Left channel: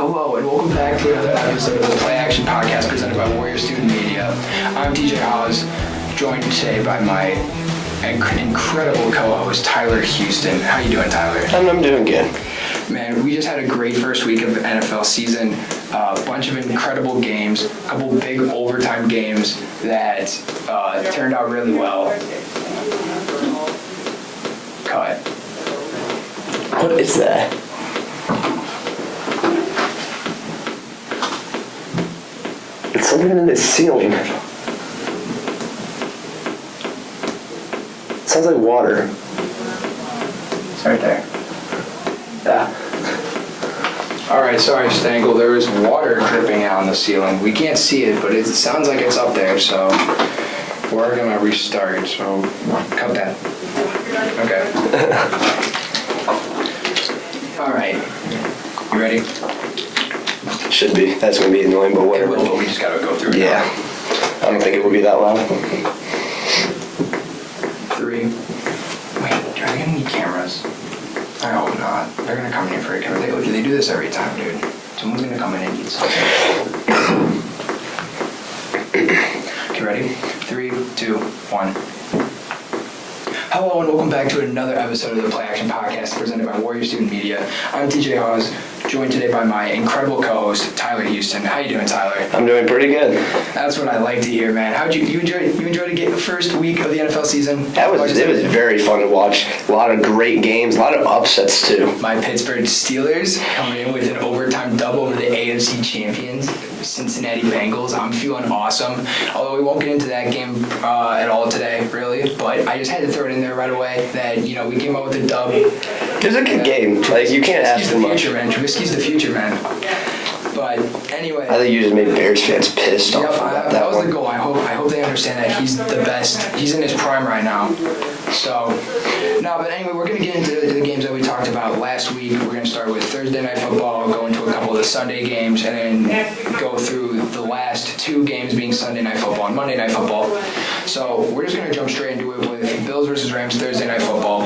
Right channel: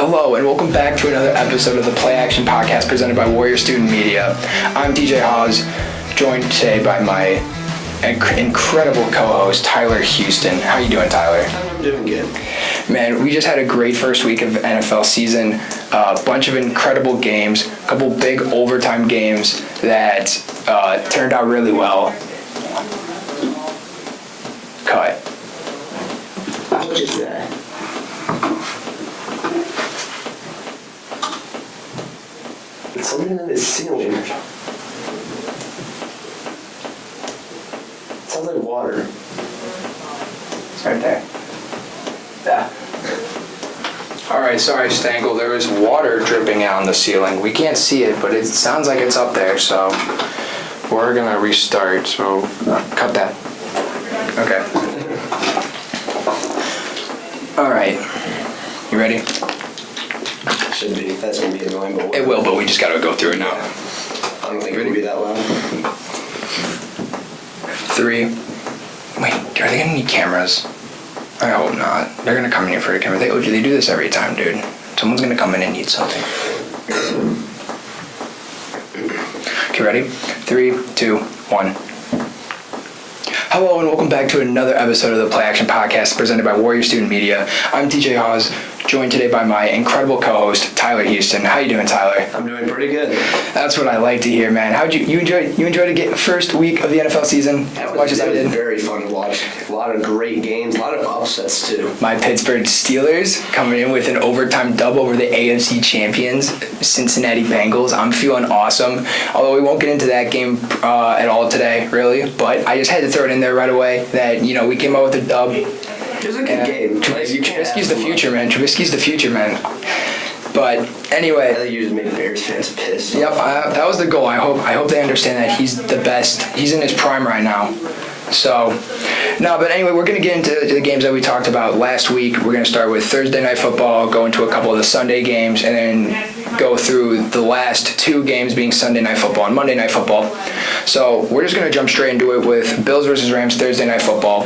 Hello, and welcome back to another episode of the Play Action Podcast presented by Warrior Student Media. I'm DJ Haws, joined today by my incredible co-host, Tyler Houston. How you doing, Tyler? I'm doing good. Man, we just had a great first week of NFL season. A bunch of incredible games, a couple big overtime games that turned out really well. Cut. What is that? It's something in the ceiling. It sounds like water. It's right there. Yeah. Alright, sorry, Stangle. There is water dripping out on the ceiling. We can't see it, but it sounds like it's up there, so we're gonna restart. So, cut that. Okay. Alright. You ready? Should be. That's going to be annoying, but whatever. It will, but we just gotta go through it now. I don't think it will be that long. 3. Wait, are they gonna need cameras? I hope not. They're gonna come in here for a camera. They do this every time, dude. Someone's gonna come in and need something. Okay, ready? 3, 2, 1. Hello and welcome back to another episode of the Play Action Podcast presented by Warrior Student Media. I'm DJ Haws, joined today by my incredible co-host, Tyler Houston. How you doing, Tyler? I'm doing pretty good. That's what I like to hear, man. How'd you enjoyed the first week of the NFL season? It was very fun to watch. A lot of great games, a lot of upsets too. My Pittsburgh Steelers coming in with an overtime dub over the AFC champions, Cincinnati Bengals. I'm feeling awesome. Although we won't get into that game at all today, really. But I just had to throw it in there right away that, we came out with a dub. It was a good game. Like, you can't ask for much. Trubisky's the future, man. But anyway, I think you just made Bears fans pissed off. Yep, that was the goal. I hope they understand that he's the best. He's in his prime right now. So, but anyway, we're going to get into the games that we talked about last week. We're going to start with Thursday Night Football, go into a couple of the Sunday games, and then go through the last 2 games being Sunday Night Football and Monday Night Football. So, we're just going to jump straight into it with Bills versus Rams Thursday Night Football.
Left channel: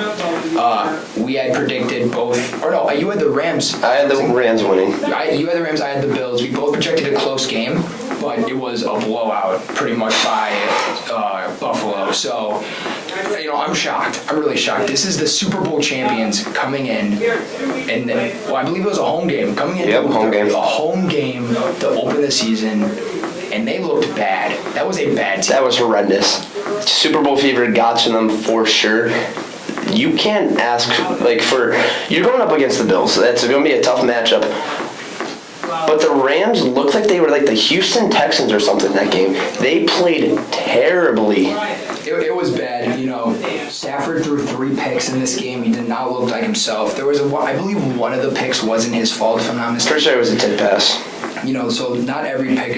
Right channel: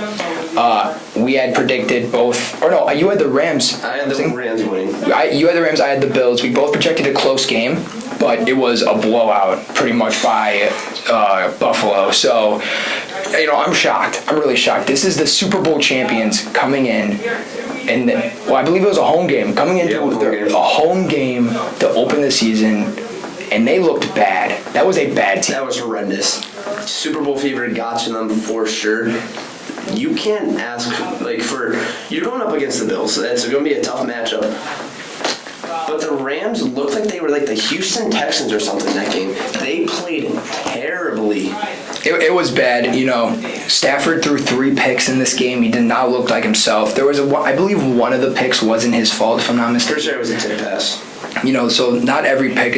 We had predicted both, or no, you had the Rams. I had the Rams winning. You had the Rams, I had the Bills. We both projected a close game, but it was a blowout pretty much by Buffalo. So, I'm shocked. I'm really shocked. This is the Super Bowl champions coming in, and I believe it was a home game. Coming in, a home game to open the season, and they looked bad. That was a bad team. That was horrendous. Super Bowl fever got to them for sure. You can't ask, you're going up against the Bills. That's going to be a tough matchup. But the Rams looked like they were like the Houston Texans or something in that game. They played terribly. It was bad. Stafford threw 3 picks in this game. He did not look like himself. There was I believe one of the picks wasn't his fault, if I'm not mistaken. Pretty sure it was a tip pass. So not every pick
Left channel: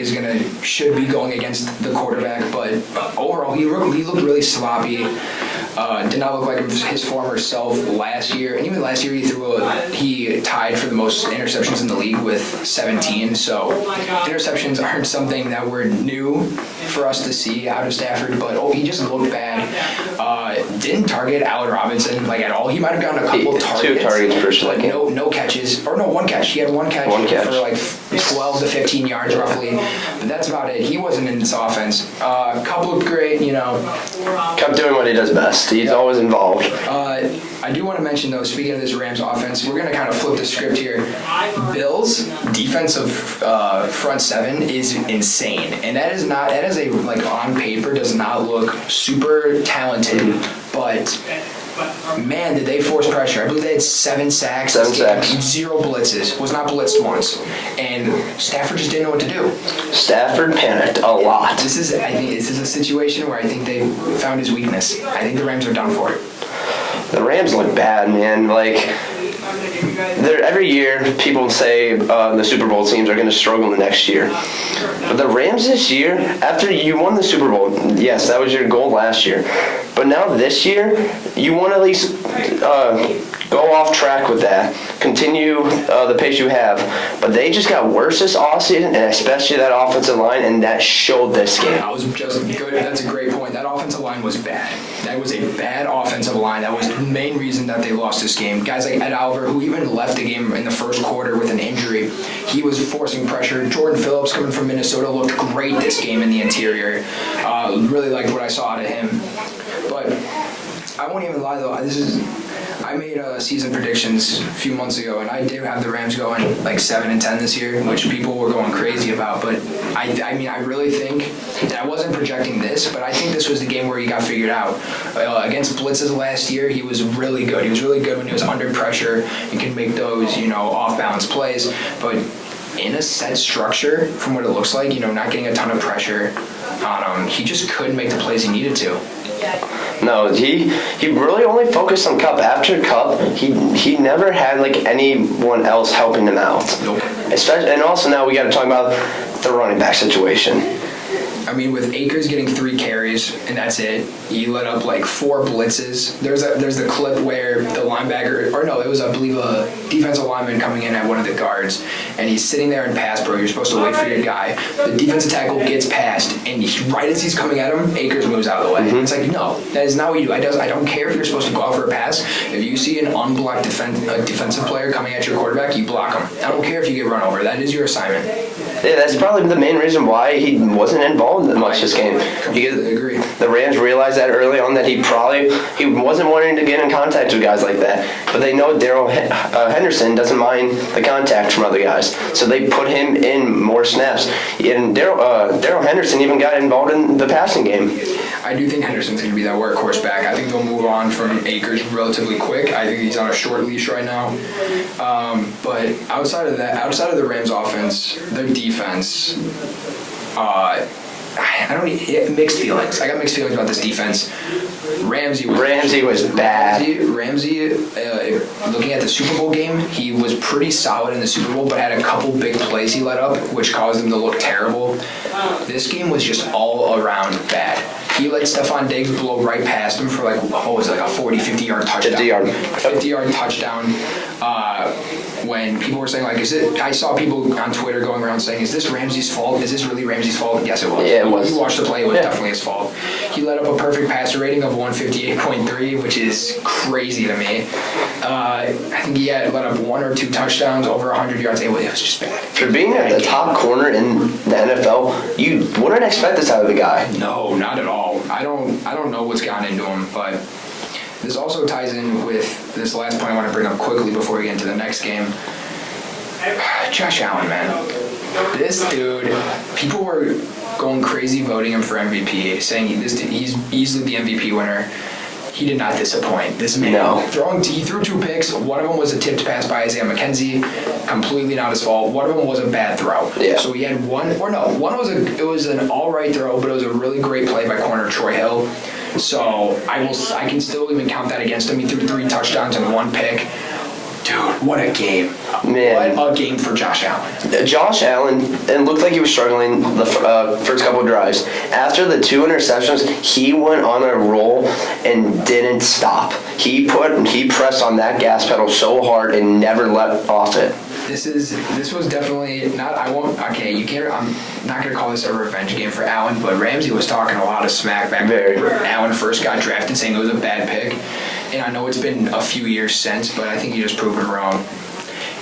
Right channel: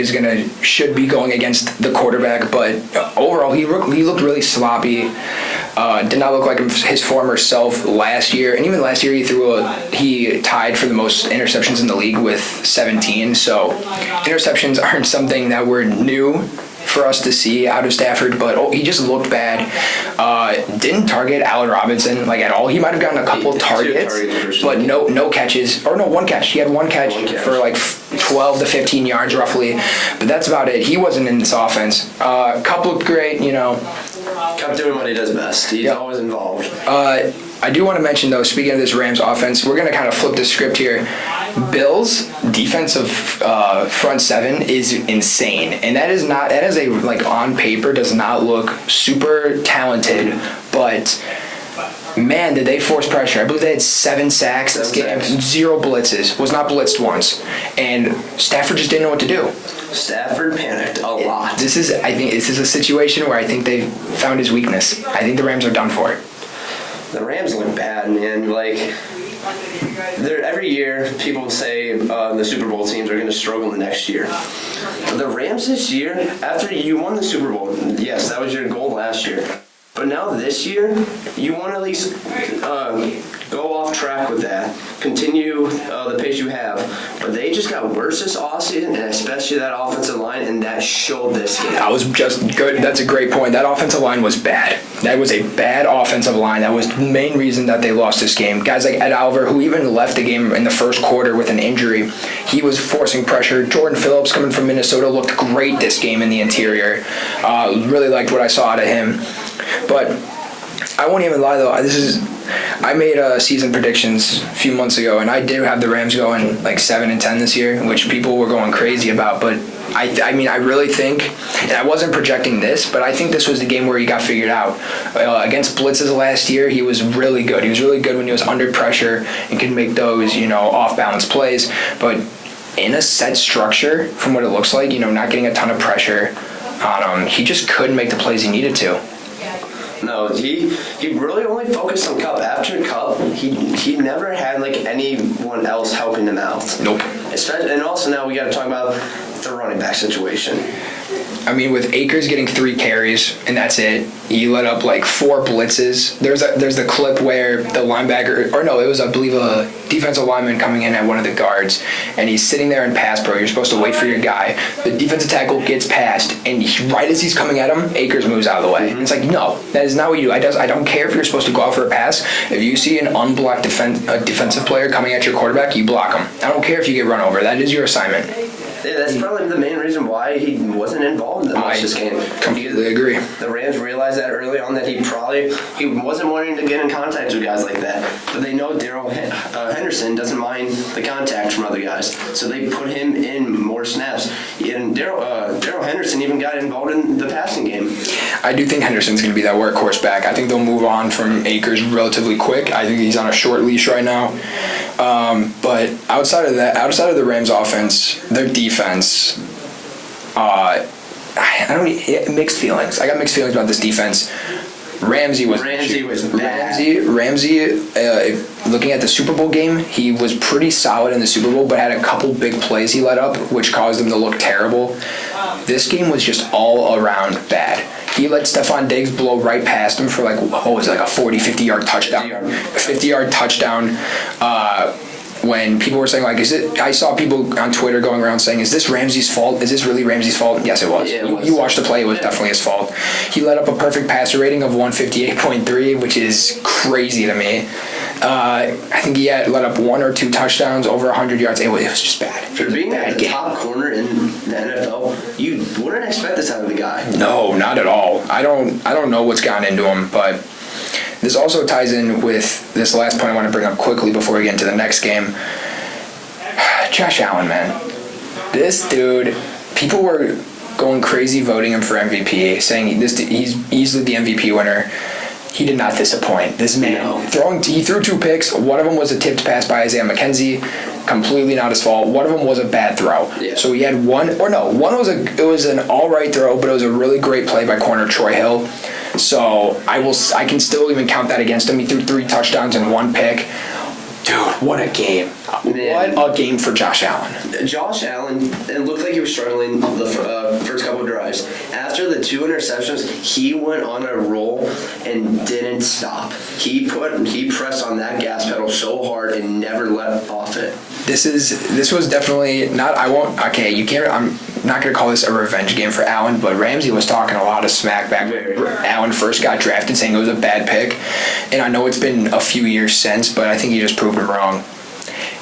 should be going against the quarterback, but overall he looked really sloppy. Did not look like his former self last year, and even last year he tied for the most interceptions in the league with 17. So interceptions aren't something that were new for us to see out of Stafford, but he just looked bad. Didn't target Allen Robinson at all. He might have gotten a couple targets, but no catches, or no, one catch. He had one catch for 12 to 15 yards roughly, but that's about it. He wasn't in this offense. Couple of great, kept doing what he does best. He's always involved. I do want to mention, though, speaking of this Rams offense, we're going to kind of flip the script here. Bills' defensive front 7 is insane, and that is on paper does not look super talented, but man, did they force pressure. I believe they had 7 sacks. 7 sacks. 0 blitzes. Was not blitzed once. And Stafford just didn't know what to do. Stafford panicked a lot. I think this is a situation where I think they found his weakness. I think the Rams are done for it. The Rams look bad, man. Every year, people say the Super Bowl teams are going to struggle the next year. But the Rams this year, after you won the Super Bowl, yes, that was your goal last year. But now this year, you want to at least go off track with that. Continue the pace you have. But they just got worse this offseason, and especially that offensive line, and that showed this game. That was just good. That's a great point. That offensive line was bad. That was a bad offensive line. That was the main reason that they lost this game. Guys like Ed Oliver, who even left the game in the first quarter with an injury, he was forcing pressure. Jordan Phillips, coming from Minnesota, looked great this game in the interior. Really liked what I saw out of him. But I won't even lie, though. I made season predictions a few months ago, and I did have the Rams going like 7-10 this year, which people were going crazy about. But I mean, I really think, and I wasn't projecting this, but I think this was the game where he got figured out. Against blitzes last year, he was really good. He was really good when he was under pressure and could make those, off-balance plays. But in a set structure, from what it looks like, not getting a ton of pressure on him, he just couldn't make the plays he needed to. No, he really only focused on Cup. After Cup, he never had like anyone else helping him out. Nope. And also now we got to talk about the running back situation. I mean, with Akers getting 3 carries and that's it, he let up like 4 blitzes. There's the clip where the linebacker, I believe a defensive lineman coming in at one of the guards, and he's sitting there in pass pro. You're supposed to wait for your guy. The defensive tackle gets past, and right as he's coming at him, Akers moves out of the way. Mm-hmm. It's like, no, that is not what you do. I don't care if you're supposed to go out for a pass. If you see an unblocked defensive player coming at your quarterback, you block him. I don't care if you get run over. That is your assignment. Yeah, that's probably the main reason why he wasn't involved much this game. Completely agree. The Rams realized that early on that he wasn't wanting to get in contact with guys like that. But they know Darrell Henderson doesn't mind the contact from other guys, so they put him in more snaps. And Darrell Henderson even got involved in the passing game. I do think Henderson's going to be that workhorse back. I think they'll move on from Akers relatively quick. I think he's on a short leash right now. But outside of the Rams offense, their defense, mixed feelings. I got mixed feelings about this defense. Ramsey was bad. Ramsey, looking at the Super Bowl game, he was pretty solid in the Super Bowl, but had a couple big plays he let up, which caused him to look terrible. This game was just all around bad. He let Stephon Diggs blow right past him for a 40, 50-yard touchdown. 50-yard touchdown. When people were saying, I saw people on Twitter going around saying, is this Ramsey's fault? Is this really Ramsey's fault? Yes, it was. Yeah, it was. You watched the play, it was definitely his fault. He let up a perfect passer rating of 158.3, which is crazy to me. I think he had let up 1 or 2 touchdowns over 100 yards. It was just bad. For being at the top corner in the NFL, you wouldn't expect this out of the guy. No, not at all. I don't know what's gone into him, but this also ties in with this last point I want to bring up quickly before we get into the next game. Josh Allen, man. This dude, people were going crazy voting him for MVP, saying he's easily the MVP winner. He did not disappoint. This man, he threw 2 picks. One of them was a tipped pass by Isaiah McKenzie, completely not his fault. One of them was a bad throw. Yeah. So he had one was an all right throw, but it was a really great play by corner Troy Hill. So I can still even count that against him. He threw 3 touchdowns and 1 pick. Dude, what a game. Man. What a game for Josh Allen. Josh Allen, it looked like he was struggling the first couple of drives. After the 2 interceptions, he went on a roll and didn't stop. He pressed on that gas pedal so hard and never let off it. This was definitely not. I'm not going to call this a revenge game for Allen, but Ramsey was talking a lot of smack back when Allen first got drafted, saying it was a bad pick. And I know it's been a few years since, but I think he just proved it wrong.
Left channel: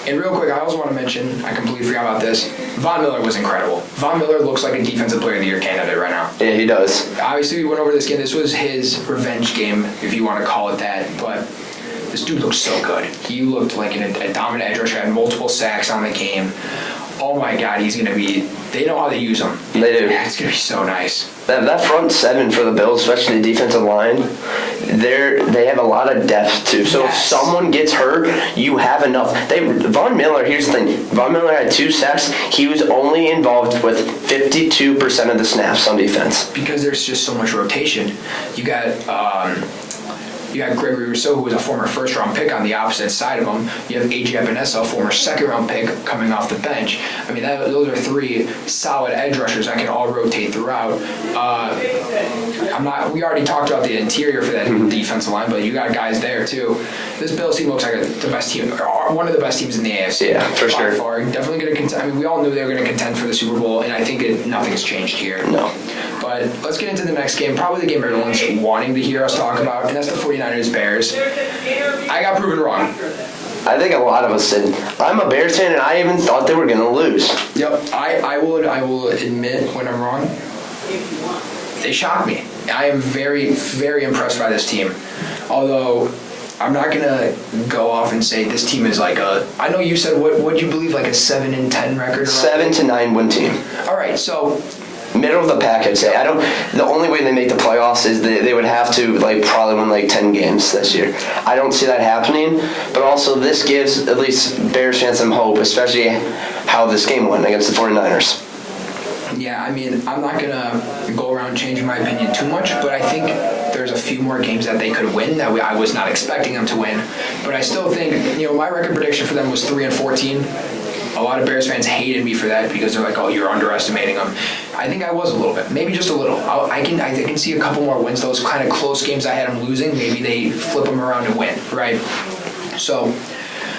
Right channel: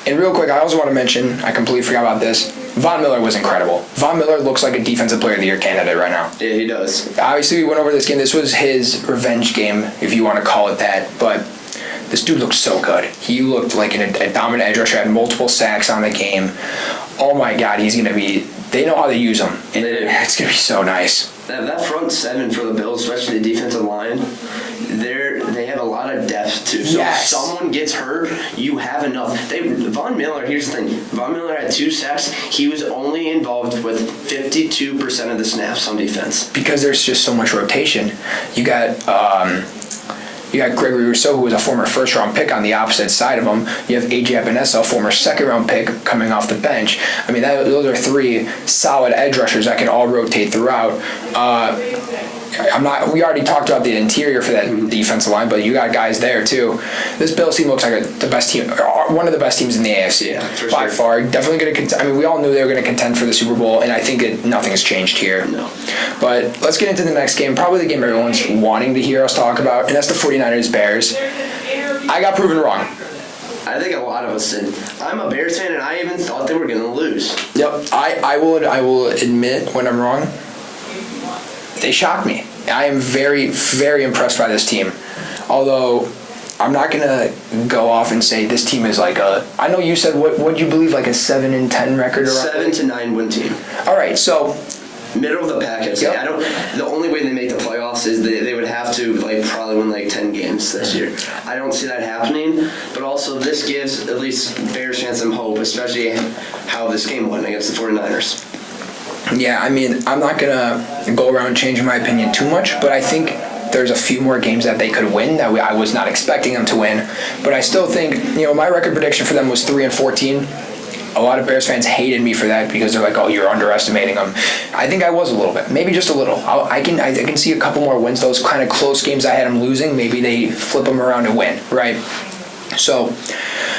And real quick, I also want to mention, I completely forgot about this, Von Miller was incredible. Von Miller looks like a Defensive Player of the Year candidate right now. Yeah, he does. Obviously, we went over this game. This was his revenge game, if you want to call it that, but this dude looked so good. He looked like a dominant edge rusher, had multiple sacks on the game. Oh my God, they know how to use him. They do. It's going to be so nice. That front 7 for the Bills, especially the defensive line, they have a lot of depth too. So if someone gets hurt, you have enough. Von Miller, here's the thing. Von Miller had 2 sacks. He was only involved with 52% of the snaps on defense. Because there's just so much rotation. You got Gregory Rousseau, who was a former first-round pick on the opposite side of him. You have A.J. Epinesa, a former second-round pick, coming off the bench. I mean, those are 3 solid edge rushers that can all rotate throughout. We already talked about the interior for that defensive line, but you got guys there too. This Bills team looks like the best team, one of the best teams in the AFC. Yeah, for sure. By far, definitely going to contend. I mean, we all knew they were going to contend for the Super Bowl, and I think nothing's changed here. No. But let's get into the next game. Probably the game everyone's wanting to hear us talk about, and that's the 49ers-Bears. I got proven wrong. I think a lot of us did. I'm a Bears fan, and I even thought they were going to lose. Yep, I will admit when I'm wrong. They shocked me. I am very, very impressed by this team. Although, I'm not going to go off and say this team is like a... I know you said, what do you believe, like a 7-10 record? 7-9 win team. All right, so... Middle of the pack, I'd say. The only way they make the playoffs is they would have to probably win 10 games this year. I don't see that happening, but also this gives at least Bears fans some hope, especially how this game went against the 49ers. Yeah, I mean, I'm not going to go around changing my opinion too much, but I think there's a few more games that they could win that I was not expecting them to win. But I still think, my record prediction for them was 3-14. A lot of Bears fans hated me for that because they're like, "Oh, you're underestimating them." I think I was a little bit, maybe just a little. I can see a couple more wins. Those kind of close games I had them losing, maybe they flip them around and win, right? So,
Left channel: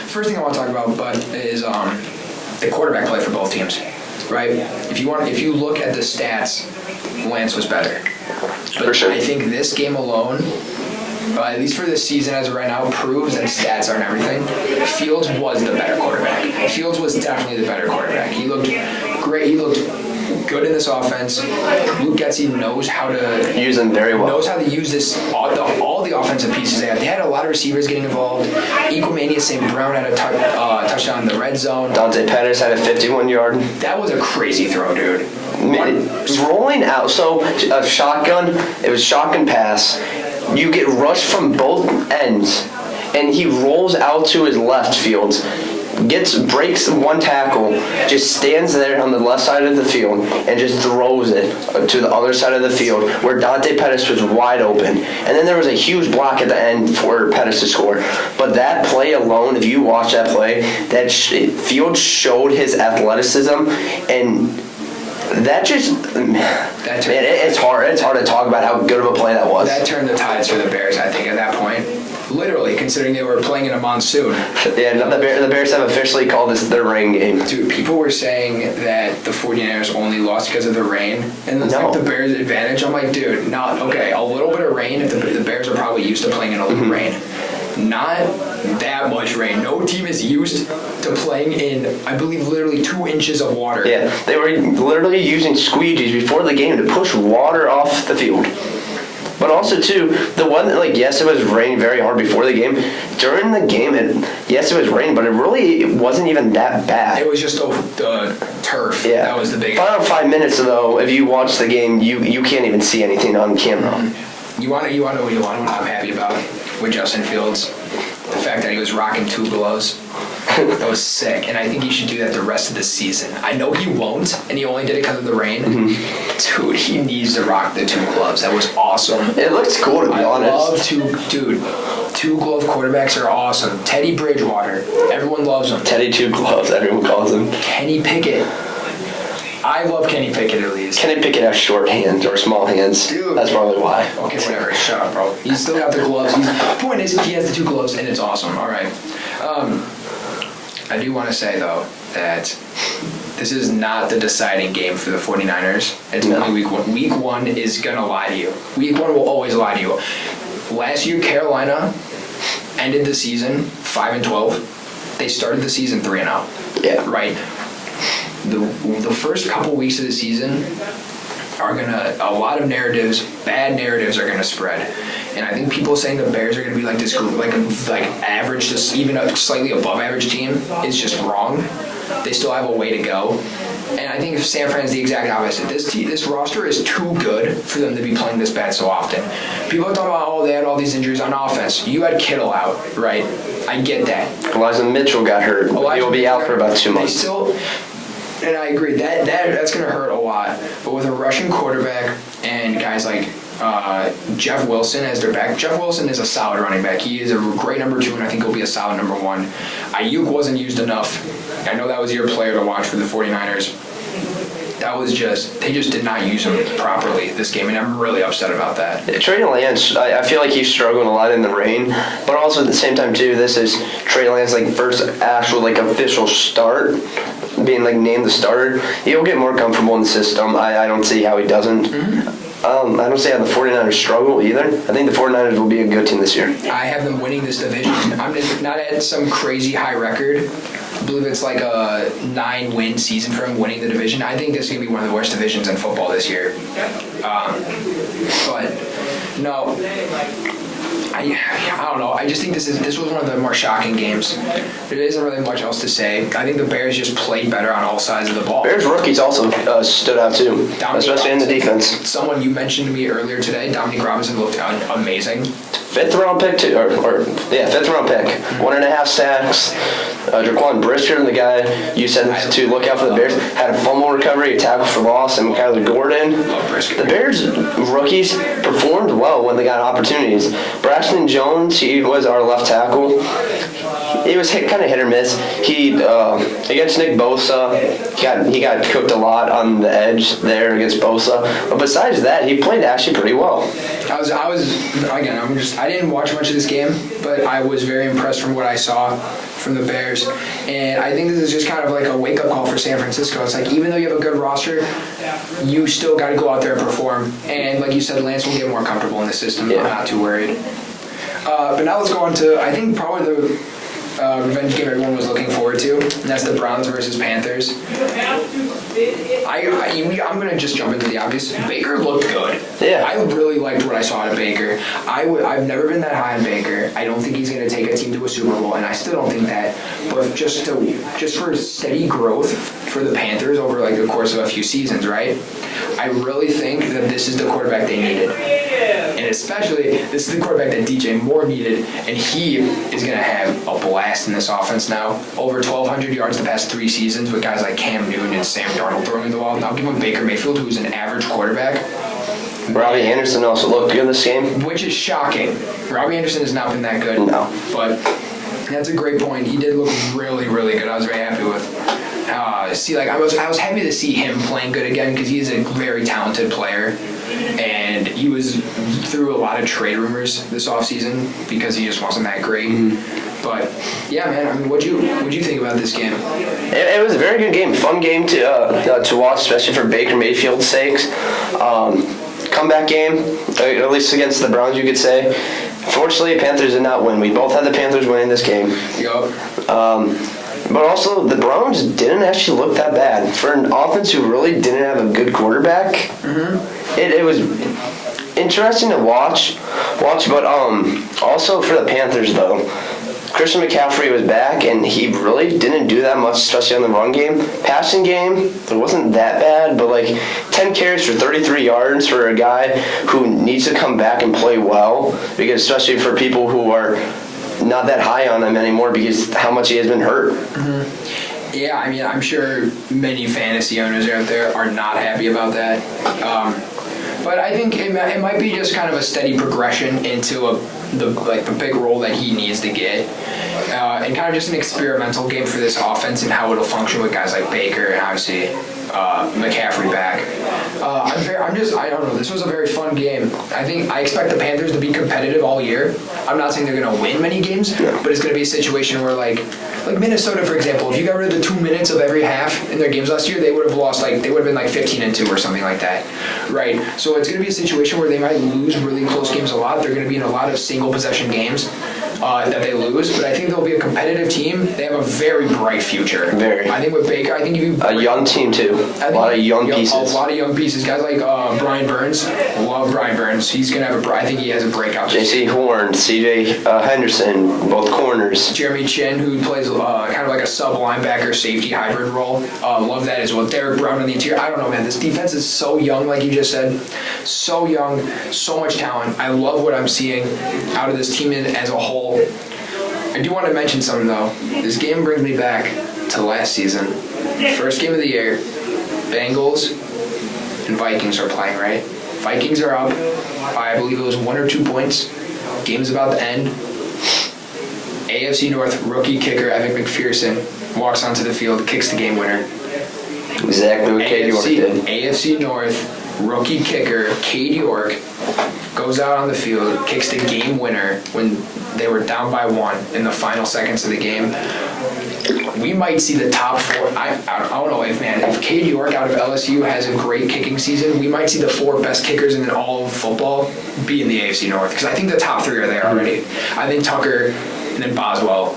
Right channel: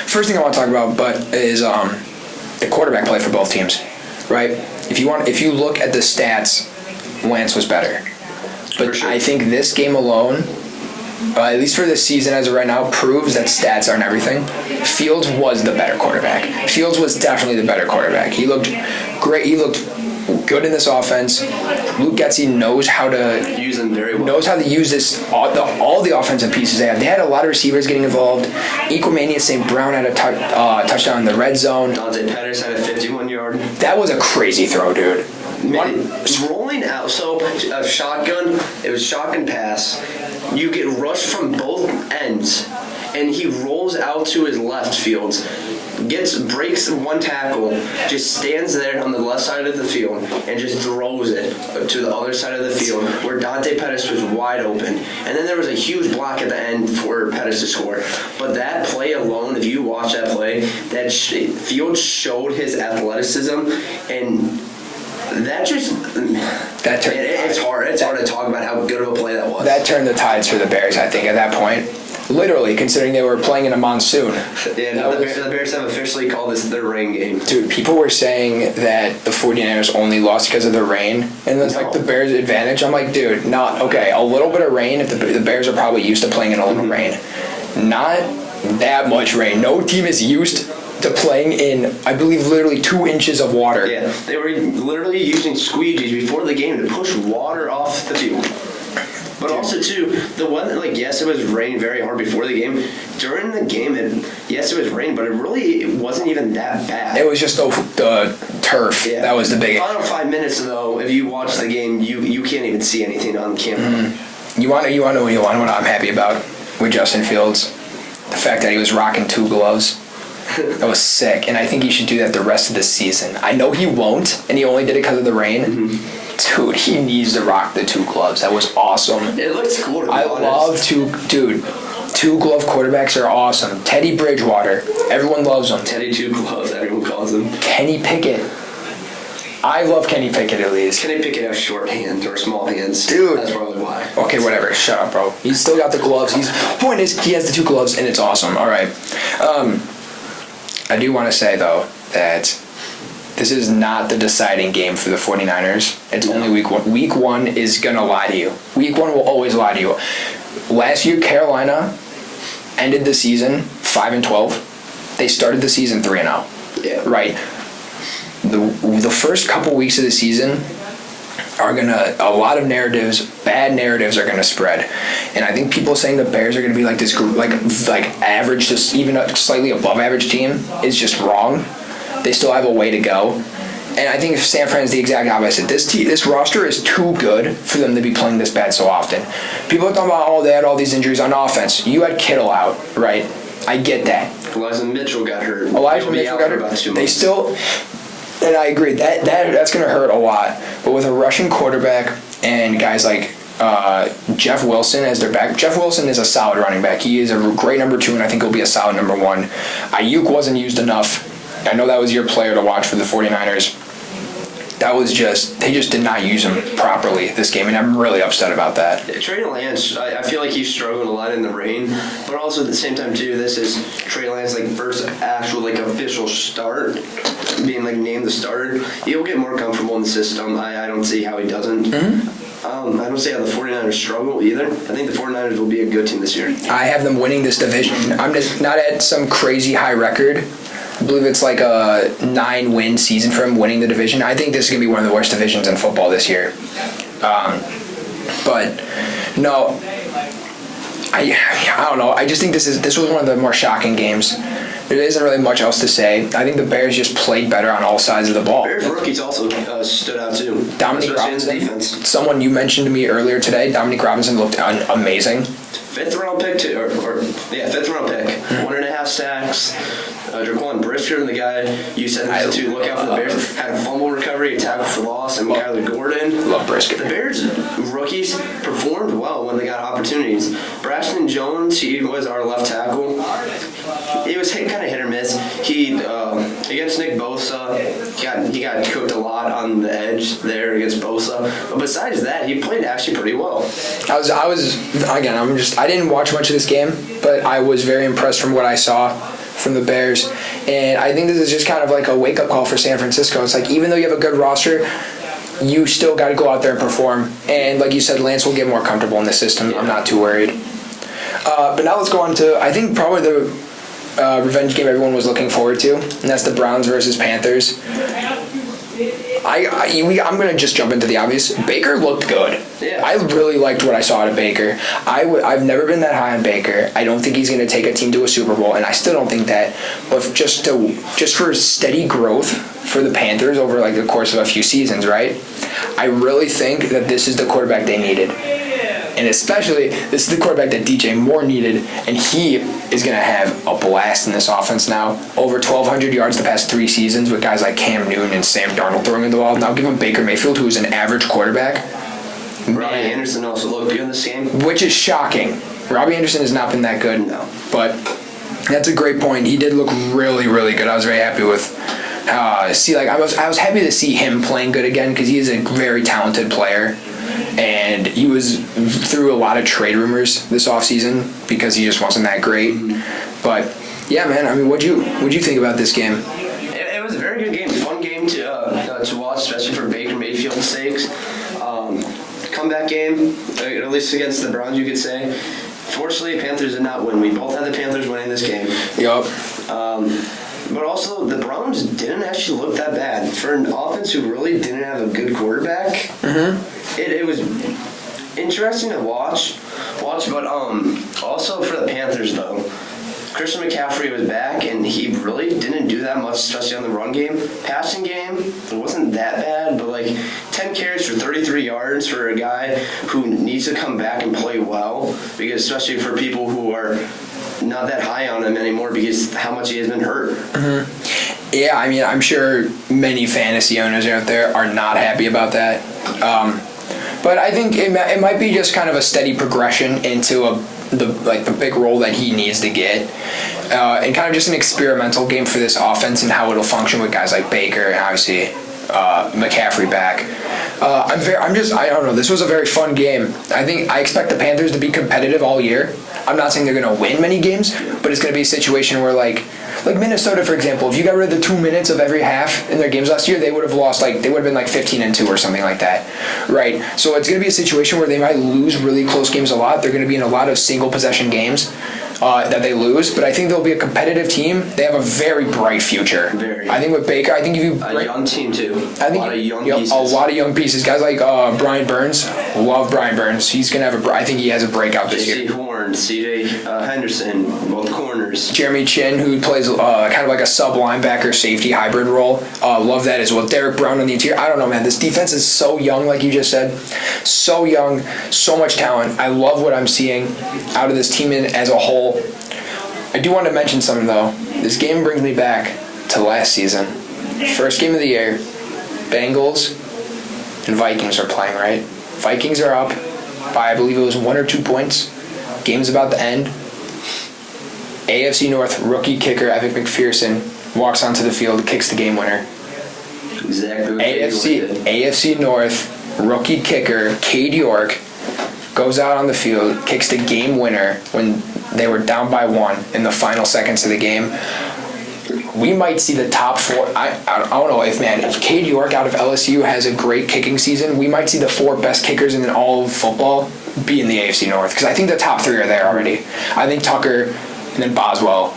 first thing I want to talk about, is the quarterback play for both teams, right? If you look at the stats, Lance was better, but for sure. I think this game alone, at least for this season as of right now, proves that stats aren't everything. Fields was the better quarterback. Fields was definitely the better quarterback. He looked great. He looked good in this offense. Luke Getsy knows how to use them very well. Knows how to use this all the offensive pieces they had. They had a lot of receivers getting involved. Equimania St. Brown had a touchdown in the red zone. Dante Pettis had a 51-yard. That was a crazy throw, dude. Rolling out, so a shotgun. It was shotgun pass. You get rushed from both ends, and he rolls out to his left field, breaks one tackle, just stands there on the left side of the field, and just throws it to the other side of the field where Dante Pettis was wide open. And then there was a huge block at the end for Pettis to score. But that play alone, if you watch that play, Field showed his athleticism, and it's hard to talk about how good of a play that was. That turned the tides for the Bears, I think, at that point. Literally, considering they were playing in a monsoon. Yeah, the Bears have officially called this their rain game. Dude, people were saying that the 49ers only lost because of the rain, and it was like the Bears' advantage. I'm like, dude, a little bit of rain. If the Bears are probably used to playing in a little rain. Not that much rain. No team is used to playing in, I believe, literally 2 inches of water. Yeah, they were literally using squeegees before the game to push water off the field. But also, too, the one that, yes, it was raining very hard before the game. During the game, yes, it was raining, but it really wasn't even that bad. It was just the turf. Yeah. That was the big... Final 5 minutes, though, if you watch the game, you can't even see anything on camera. Mm-hmm. You want to know what I'm happy about with Justin Fields? The fact that he was rocking 2 gloves. That was sick, and I think he should do that the rest of the season. I know he won't, and he only did it because of the rain. Mm-hmm. Dude, he needs to rock the 2 gloves. That was awesome. It looks cool, to be honest. I love 2 glove quarterbacks are awesome. Teddy Bridgewater, everyone loves him. Teddy 2 gloves, everyone calls him. Kenny Pickett. I love Kenny Pickett at least. Kenny Pickett has short hands or small hands. Dude. That's probably why. Okay, whatever. Shut up, bro. He's still got the gloves. Point is, he has the 2 gloves, and it's awesome. All right. I do want to say, though, that this is not the deciding game for the 49ers. It's only week 1. Week 1 is going to lie to you. Week 1 will always lie to you. Last year, Carolina ended the season 5-12. They started the season 3-0. Yeah. Right? The first couple weeks of the season are a lot of bad narratives are gonna spread, and I think people saying the Bears are gonna be like this group, like average, just even a slightly above average team is just wrong. They still have a way to go, and I think San Fran's the exact opposite. This roster is too good for them to be playing this bad so often. People are talking about, they had all these injuries on offense. You had Kittle out, right? I get that. Elijah Mitchell got hurt. He'll be out for about 2 months. And I agree, that's going to hurt a lot. But with a Russian quarterback and guys like Jeff Wilson as their back, Jeff Wilson is a solid running back. He is a great number 2, and I think he'll be a solid number 1. Ayuk wasn't used enough. I know that was your player to watch for the 49ers. They just did not use him properly this game, and I'm really upset about that. Trey Lance, I feel like he's struggling a lot in the rain, but also at the same time too, this is Trey Lance first actual official start, being named the starter. He'll get more comfortable in the system. I don't see how he doesn't. Mm-hmm. I don't say how the 49ers struggle either. I think the 49ers will be a good team this year. I have them winning this division. I'm just not at some crazy high record. I believe it's like a 9-win season for him winning the division. I think this is going to be one of the worst divisions in football this year. But, no, I don't know. I just think this was one of the more shocking games. There isn't really much else to say. I think the Bears just played better on all sides of the ball. Bears rookies also stood out too, especially in the defense. Someone you mentioned to me earlier today, Dominic Robinson, looked amazing. Fifth round pick too, fifth round pick. 1.5 sacks. Jaquan Brisker, the guy you said to look out for the Bears, had a fumble recovery, a tackle for loss, and Kyler Gordon. Love Brisker. The Bears rookies performed well when they got opportunities. Braxton Jones, he was our left tackle. He was kind of hit or miss. He against Nick Bosa, he got cooked a lot on the edge there against Bosa. But besides that, he played actually pretty well. I didn't watch much of this game, but I was very impressed from what I saw from the Bears. And I think this is just kind of like a wake-up call for San Francisco. It's like, even though you have a good roster, you still got to go out there and perform. And like you said, Lance will get more comfortable in the system. Yeah. I'm not too worried. But now let's go on to, I think, probably the revenge game everyone was looking forward to, and that's the Browns versus Panthers. I'm going to just jump into the obvious. Baker looked good. Yeah. I really liked what I saw out of Baker. I've never been that high on Baker. I don't think he's going to take a team to a Super Bowl, and I still don't think that. But just for steady growth for the Panthers over like the course of a few seasons, right? I really think that this is the quarterback they needed. And especially, this is the quarterback that DJ Moore needed, and he is going to have a blast in this offense now. Over 1,200 yards the past 3 seasons with guys like Cam Newton and Sam Darnold throwing the ball. Now give him Baker Mayfield, who's an average quarterback. Robbie Anderson also looked good in this game. Which is shocking. Robbie Anderson has not been that good. No. But that's a great point. He did look really, really good. I was very happy with I was happy to see him playing good again because he is a very talented player. And he was through a lot of trade rumors this offseason because he just wasn't that great. Mm-hmm. But yeah, man. I mean, what'd you think about this game? It was a very good game, fun game to watch, especially for Baker Mayfield's sakes. Comeback game, at least against the Browns, you could say. Fortunately, the Panthers did not win. We both had the Panthers winning this game. Yup. But also, the Browns didn't actually look that bad. For an offense who really didn't have a good quarterback, mm-hmm. it was interesting to watch. But also for the Panthers, though, Christian McCaffrey was back, and he really didn't do that much, especially on the run game. Passing game, it wasn't that bad, but 10 carries for 33 yards for a guy who needs to come back and play well, because especially for people who are not that high on him anymore because how much he has been hurt. Mm-hmm. Yeah, I mean, I'm sure many fantasy owners out there are not happy about that. But I think it might be just kind of a steady progression into the big role that he needs to get. And kind of just an experimental game for this offense and how it'll function with guys like Baker and obviously McCaffrey back. I don't know. This was a very fun game. I expect the Panthers to be competitive all year. I'm not saying they're going to win many games, but it's going to be a situation where like Minnesota, for example, if you got rid of the 2 minutes of every half in their games last year, they would have lost they would have been 15-2 or something like that, right? So it's going to be a situation where they might lose really close games a lot. They're going to be in a lot of single possession games that they lose, but I think they'll be a competitive team. They have a very bright future. Very. I think with Baker, a young team too. A lot of young pieces. A lot of young pieces. Guys like Brian Burns. Love Brian Burns. He's gonna have I think he has a breakout this year. J.C. Horn, C.J. Henderson, both corners. Jeremy Chin, who plays kind of like a sub linebacker safety hybrid role. Love that as well. Derek Brown on the interior. I don't know, man. This defense is so young, like you just said. So young, so much talent. I love what I'm seeing out of this team as a whole. I do want to mention something, though. This game brings me back to last season. First game of the year, Bengals and Vikings are playing, right? Vikings are up by, I believe it was 1 or 2 points. Game's about to end. AFC North rookie kicker Evan McPherson walks onto the field, kicks the game winner. Exactly what Cade York did. AFC North rookie kicker Cade York goes out on the field, kicks the game winner when they were down by 1 in the final seconds of the game. we might see the top 4. I don't know if Cade York out of LSU has a great kicking season, we might see the 4 best kickers in all of football be in the AFC North, because I think the top 3 are there already. I think Tucker, and then Boswell,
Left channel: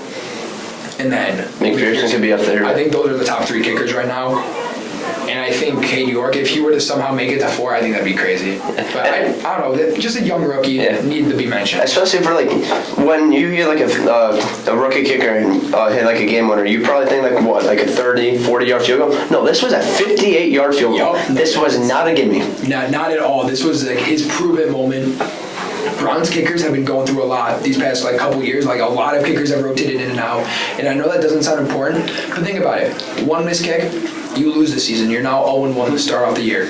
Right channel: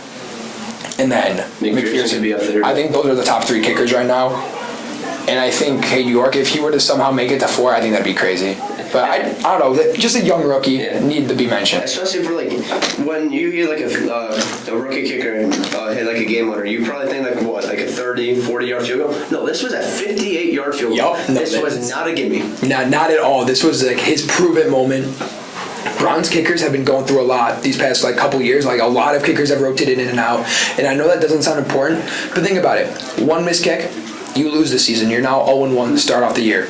and then McPherson could be up there. I think those are the top 3 kickers right now. And I think Cade York, if he were to somehow make it to 4, I think that'd be crazy. But I don't know, just a young rookie needed to be mentioned. Especially for like when you hear like a rookie kicker hit like a game winner, you probably think like what, like a 30, 40-yard field goal? No, this was a 58-yard field goal. This was not a gimme. Not at all. This was like his prove-it moment. Browns kickers have been going through a lot these past like couple years. Like a lot of kickers have rotated in and out. And I know that doesn't sound important, but think about it. One missed kick, you lose the season. You're now 0-1 to start off the year.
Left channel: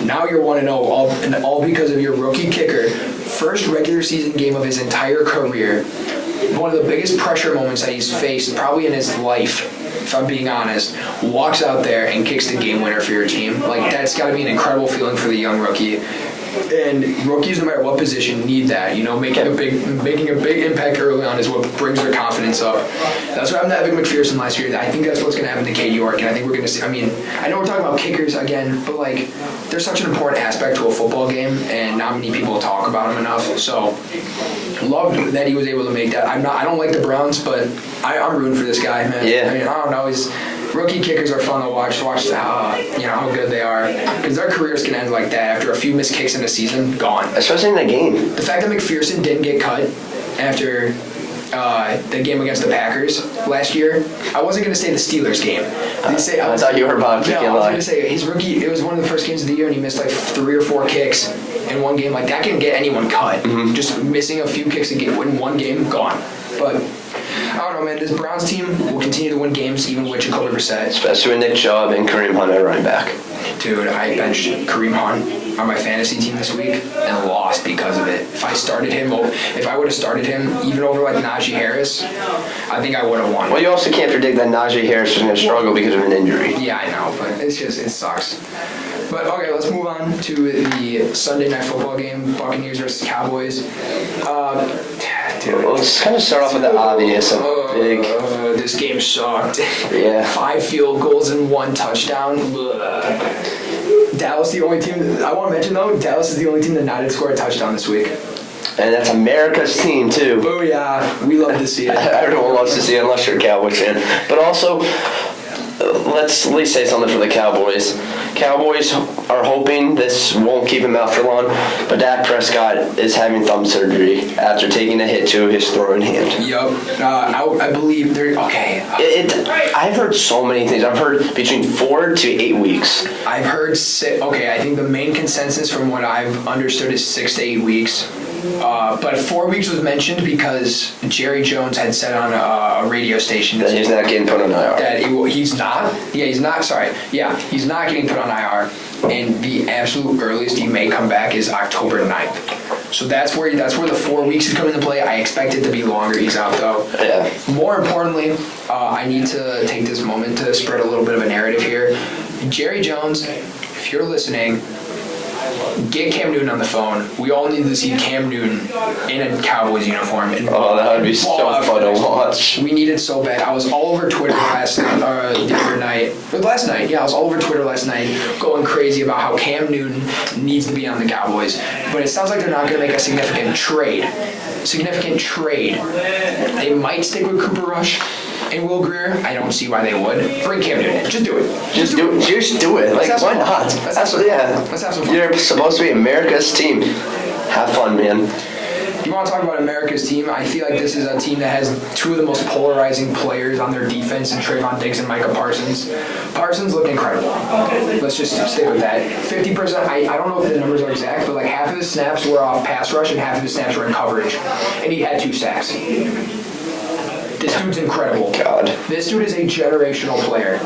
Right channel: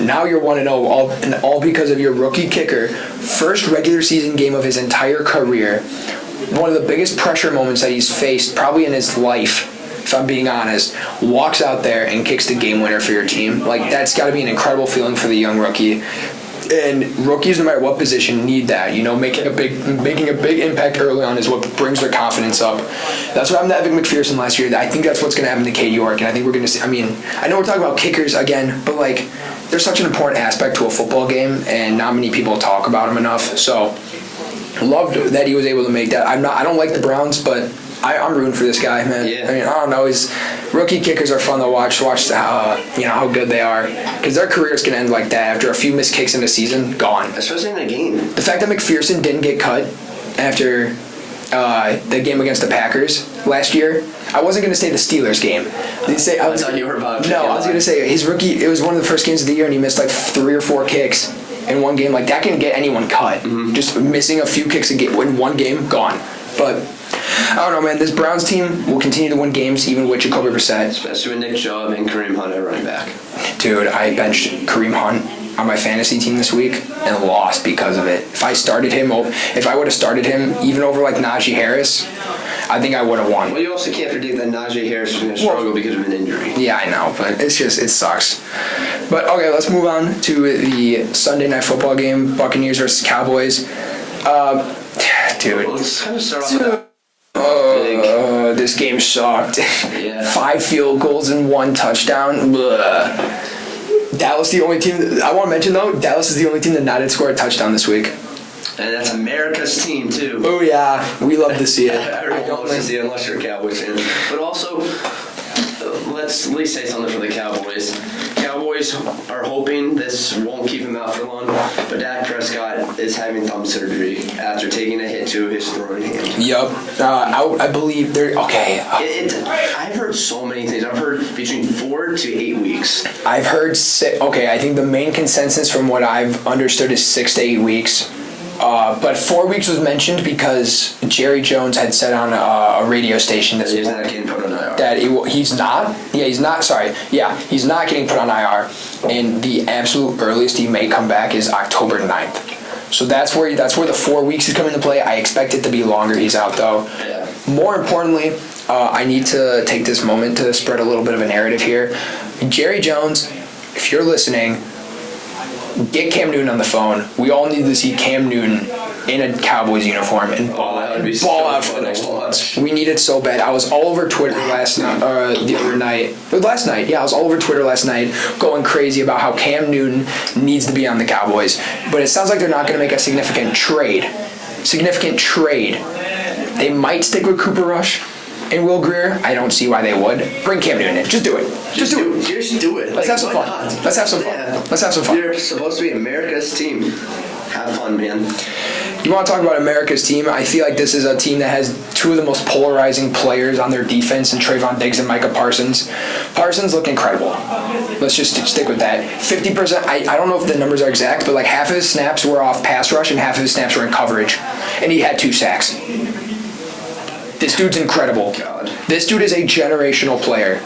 Now you're 1-0, all because of your rookie kicker. First regular season game of his entire career. One of the biggest pressure moments that he's faced probably in his life, if I'm being honest. Walks out there and kicks the game winner for your team. Like, that's got to be an incredible feeling for the young rookie. And rookies, no matter what position, need that. You know, making a big impact early on is what brings their confidence up. That's what happened to Evan McPherson last year. I think that's what's going to happen to Cade York, and I think we're going to see. I mean, I know we're talking about kickers again, but like, they're such an important aspect to a football game, and not many people talk about them enough. So, loved that he was able to make that. I don't like the Browns, but I'm rooting for this guy, man. Yeah. I mean, I don't know. Rookie kickers are fun to watch how good they are, because their careers can end like that after a few missed kicks in a season, gone. Especially in that game. The fact that McPherson didn't get cut after the game against the Packers last year, I wasn't going to say the Steelers game. I thought you were about to. No, I was going to say his rookie. It was one of the first games of the year, and he missed like 3 or 4 kicks in one game. Like, that can get anyone cut. Mm-hmm. Just missing a few kicks in one game, gone. But I don't know, man. This Browns team will continue to win games even with Jacoby Brissett. Especially with Nick Chubb and Kareem Hunt at running back. Dude, I benched Kareem Hunt on my fantasy team this week and lost because of it. If I would have started him even over like Najee Harris, I think I would have won. Well, you also can't predict that Najee Harris is going to struggle because of an injury. Yeah, I know, but it sucks. But okay, let's move on to the Sunday Night Football game, Buccaneers versus Cowboys. Dude, well, let's kind of start off with the obvious. This game sucked. Yeah. 5 field goals and 1 touchdown. Dallas, the only team. I want to mention though, Dallas is the only team that not had scored a touchdown this week. And that's America's team too. Oh yeah, we love to see it. Everyone loves to see it unless you're a Cowboys fan. But also, let's at least say something for the Cowboys. Cowboys are hoping this won't keep him out for long, but Dak Prescott is having thumb surgery after taking a hit to his throwing hand. Yup. I believe they're okay. I've heard so many things. I've heard between 4 to 8 weeks. I've heard I think the main consensus from what I've understood is 6 to 8 weeks. But 4 weeks was mentioned because Jerry Jones had said on a radio station that he's not getting put on IR. That he's not. Yeah, he's not. Sorry. Yeah, he's not getting put on IR. And the absolute earliest he may come back is October 9th. So that's where the 4 weeks is coming into play. I expect it to be longer. He's out though. Yeah. More importantly, I need to take this moment to spread a little bit of a narrative here. Jerry Jones, if you're listening, get Cam Newton on the phone. We all need to see Cam Newton in a Cowboys uniform and that would be so fun to watch. We need it so bad. I was all over Twitter last night. Yeah, I was all over Twitter last night going crazy about how Cam Newton needs to be on the Cowboys. But it sounds like they're not going to make a significant trade. They might stick with Cooper Rush and Will Grier. I don't see why they would. Bring Cam Newton in. Just do it. Just do it. Like, why not? Let's have some fun. Yeah. Let's have some fun. You're supposed to be America's team. Have fun, man. You want to talk about America's team? I feel like this is a team that has 2 of the most polarizing players on their defense in Trayvon Diggs and Micah Parsons. Parsons look incredible. Let's just stick with that. 50%, I don't know if the numbers are exact, but like half of his snaps were off pass rush and half of his snaps were in coverage. And he had 2 sacks. This dude's incredible. God. This dude is a generational player.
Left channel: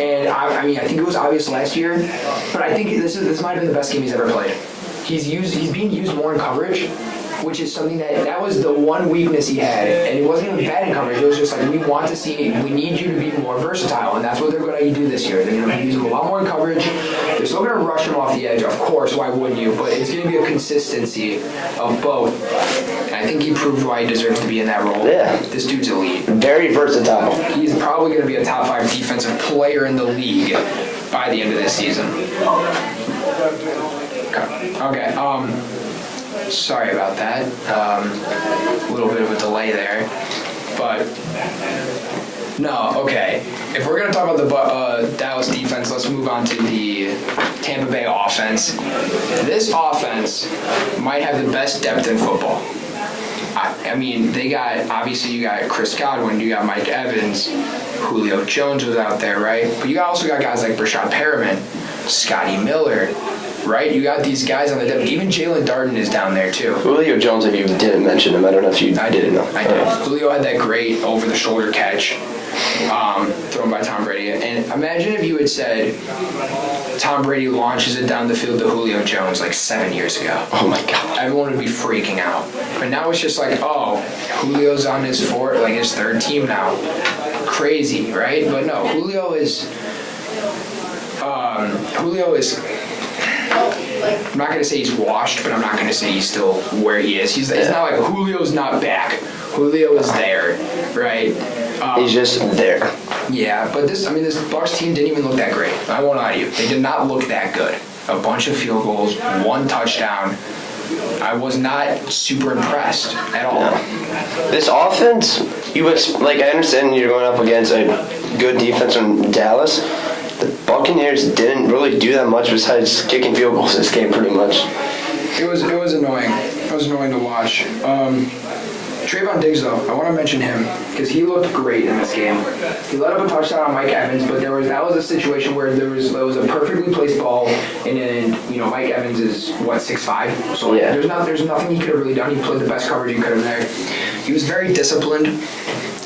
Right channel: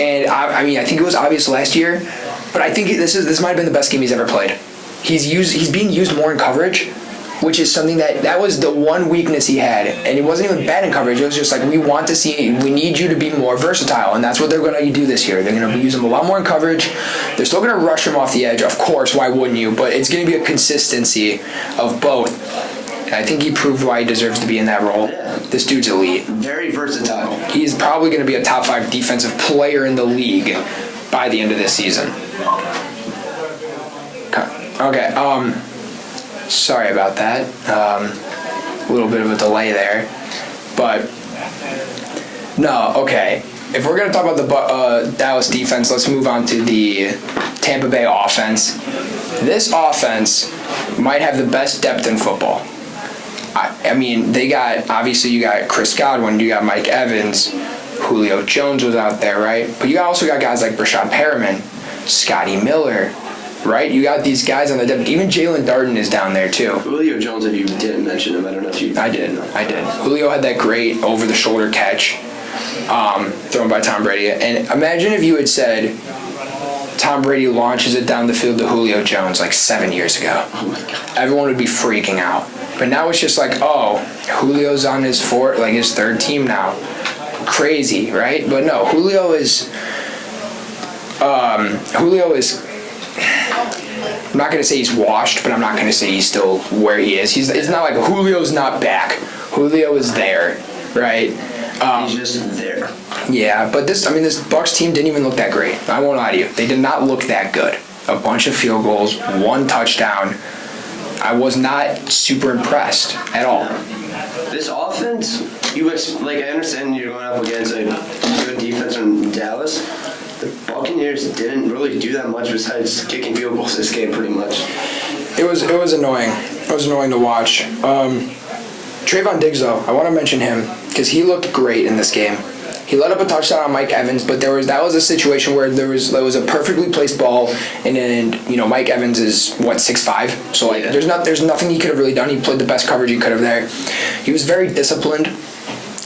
And I mean, I think it was obvious last year, but I think this might have been the best game he's ever played. He's being used more in coverage, which is something that was the one weakness he had. And it wasn't even bad in coverage. It was just like, we need you to be more versatile. And that's what they're going to do this year. They're going to use him a lot more in coverage. They're still going to rush him off the edge. Of course, why wouldn't you? But it's going to be a consistency of both. I think he proved why he deserves to be in that role. Yeah. This dude's elite. Very versatile. He's probably going to be a top 5 defensive player in the league by the end of this season. Okay. Sorry about that. A little bit of a delay there, but no. Okay. If we're going to talk about the Dallas defense, let's move on to the Tampa Bay offense. This offense might have the best depth in football. I mean, they got, obviously you got Chris Godwin, you got Mike Evans, Julio Jones was out there, right? But you also got guys like Brashad Perriman, Scotty Miller, right? You got these guys on the depth. Even Jalen Darden is down there too. Julio Jones, if you didn't mention him, I don't know if you didn't know. I did. Julio had that great over-the-shoulder catch thrown by Tom Brady. And imagine if you had said Tom Brady launches it down the field to Julio Jones like 7 years ago. Oh my God. Everyone would be freaking out. But now it's just like, oh, Julio's on his third team now. Crazy, right? But no, Julio is I'm not going to say he's washed, but I'm not going to say he's still where he is. It's not like Julio's not back. Julio is there, right? He's just there. Yeah, but this Bucs team didn't even look that great. I won't lie to you. They did not look that good. A bunch of field goals, 1 touchdown. I was not super impressed at all. No. This offense, I understand you're going up against a good defense from Dallas. The Buccaneers didn't really do that much besides kicking field goals this game, pretty much. It was annoying. It was annoying to watch. Trayvon Diggs, though, I want to mention him because he looked great in this game. He let up a touchdown on Mike Evans, but that was a situation where there was a perfectly placed ball, and then Mike Evans is 6'5", so yeah. There's nothing he could have really done. He played the best coverage he could have there. He was very disciplined.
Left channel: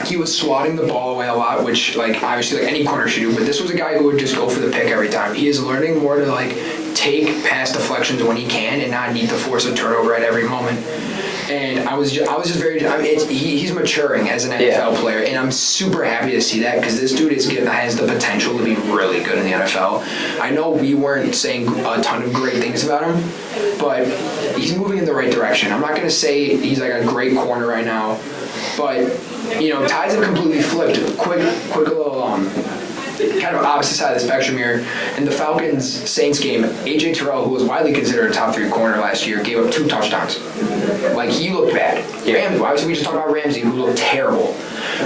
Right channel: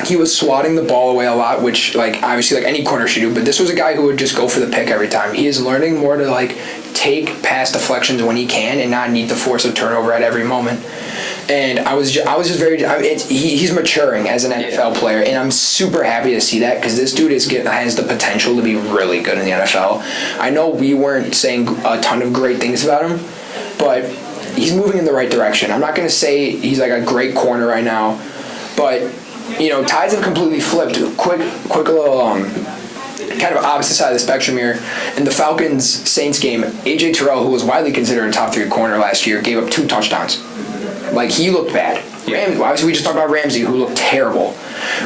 He was swatting the ball away a lot, which obviously any corner should do. But this was a guy who would just go for the pick every time. He is learning more to take pass deflections when he can and not need to force a turnover at every moment. And I was just very. He's maturing as an NFL player, and I'm super happy to see that because this dude has the potential to be really good in the NFL. I know we weren't saying a ton of great things about him, but he's moving in the right direction. I'm not going to say he's a great corner right now, but tides have completely flipped. Quick little kind of opposite side of the spectrum here. In the Falcons-Saints game, A.J. Terrell, who was widely considered a top 3 corner last year, gave up 2 touchdowns. He looked bad. Yeah. Obviously, we just talked about Ramsey, who looked terrible,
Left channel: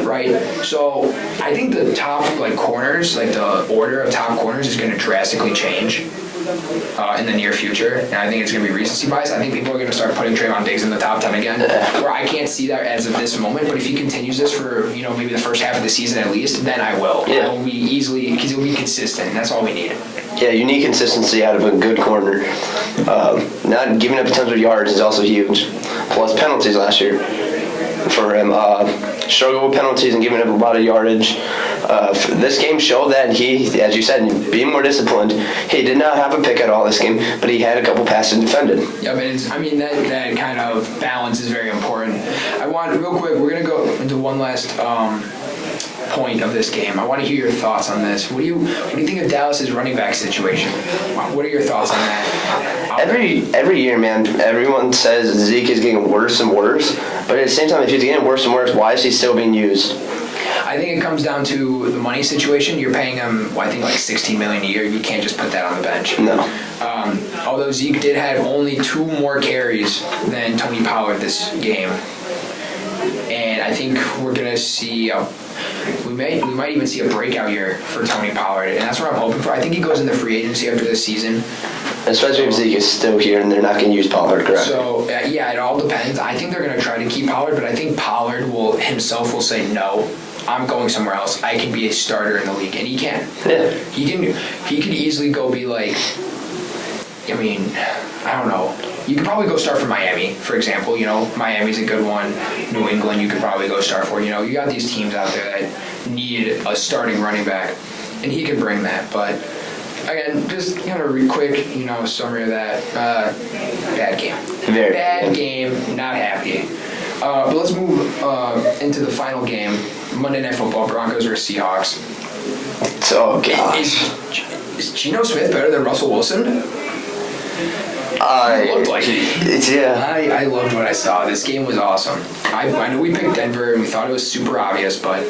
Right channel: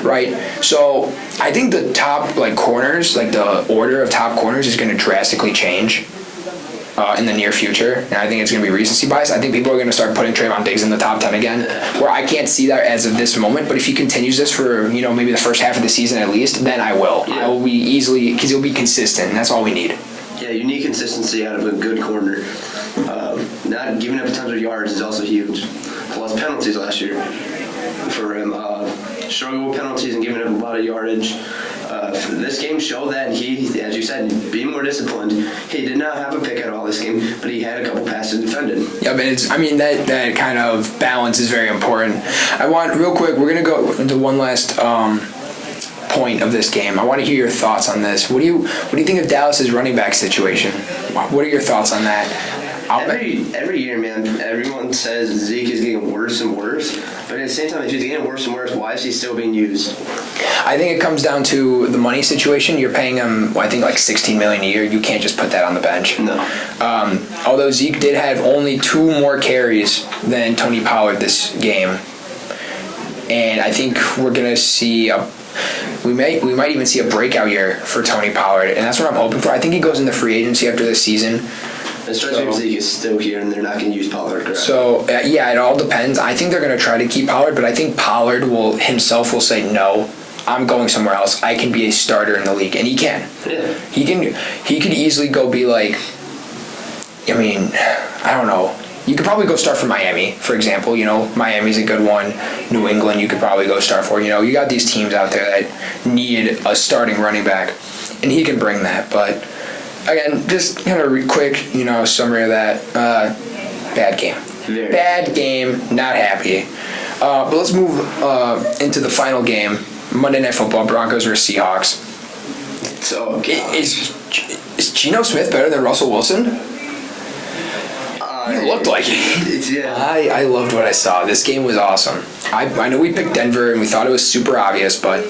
right? So I think the top corners, the order of top corners is going to drastically change in the near future. And I think it's going to be recency bias. I think people are going to start putting Trayvon Diggs in the top 10 again, where I can't see that as of this moment. But if he continues this for, maybe the first half of the season at least, then I will. Yeah. I will be easily, because he'll be consistent. And that's all we need. Yeah, you need consistency out of a good corner. Not giving up tons of yards is also huge. Plus penalties last year for him. Struggled with penalties and giving up a lot of yardage. This game showed that he, as you said, being more disciplined. He did not have a pick at all this game, but he had a couple passes defended. Yeah, but that kind of balance is very important. Real quick, we're going to go into one last point of this game. I want to hear your thoughts on this. What do you think of Dallas's running back situation? What are your thoughts on that? Every year, man, everyone says Zeke is getting worse and worse, but at the same time, if he's getting worse and worse, why is he still being used? I think it comes down to the money situation. You're paying him, I think, $16 million a year. You can't just put that on the bench. No. Although Zeke did have only 2 more carries than Tony Pollard this game, and I think we're gonna see we might even see a breakout year for Tony Pollard, and that's what I'm hoping for. I think he goes into free agency after this season. Especially if Zeke is still here and they're not going to use Pollard, correct? So, it all depends. I think they're going to try to keep Pollard, but I think Pollard himself will say, no, I'm going somewhere else. I can be a starter in the league, and he can. Yeah. He could easily go be I don't know. You could probably go start for Miami, for example. Miami's a good one. New England, you could probably go start for. You got these teams out there that need a starting running back, and he can bring that. But again, just kind of quick, summary of that. Bad game. Very bad game. Not happy. But let's move into the final game. Monday Night Football. Broncos versus Seahawks. Oh God. Is Geno Smith better than Russell Wilson? It looked like it. Yeah. I loved what I saw. This game was awesome. I know we picked Denver and we thought it was super obvious, but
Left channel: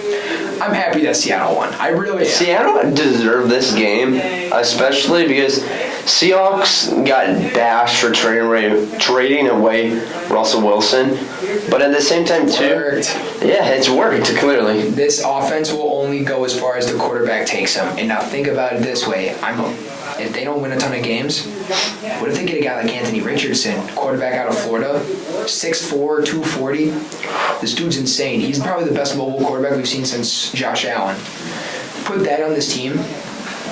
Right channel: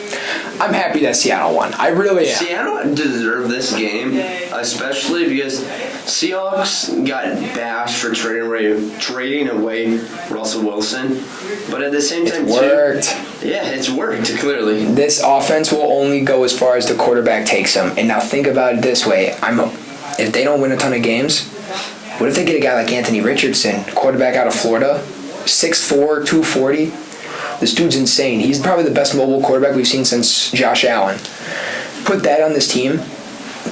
I'm happy that Seattle won. I really am. Seattle deserved this game, especially because Seahawks got bashed for trading away Russell Wilson. But at the same time, it's worked, clearly. This offense will only go as far as the quarterback takes them. And now think about it this way. If they don't win a ton of games, what if they get a guy like Anthony Richardson, quarterback out of Florida, 6'4", 240? This dude's insane. He's probably the best mobile quarterback we've seen since Josh Allen. Put that on this team